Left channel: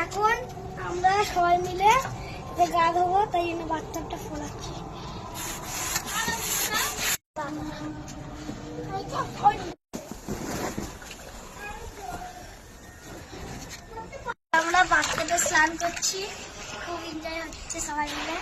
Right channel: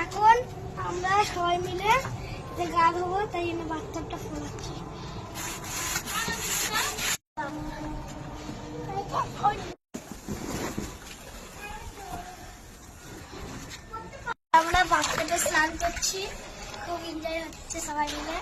এখন আমরা সবাই মিলে গা ধোবো, তাই জন্য বাথটাবটা ফোলাচ্ছি। আমরা বাথটাবে স্নান করছি, খুব এনজয় হচ্ছে সবাই মিলে।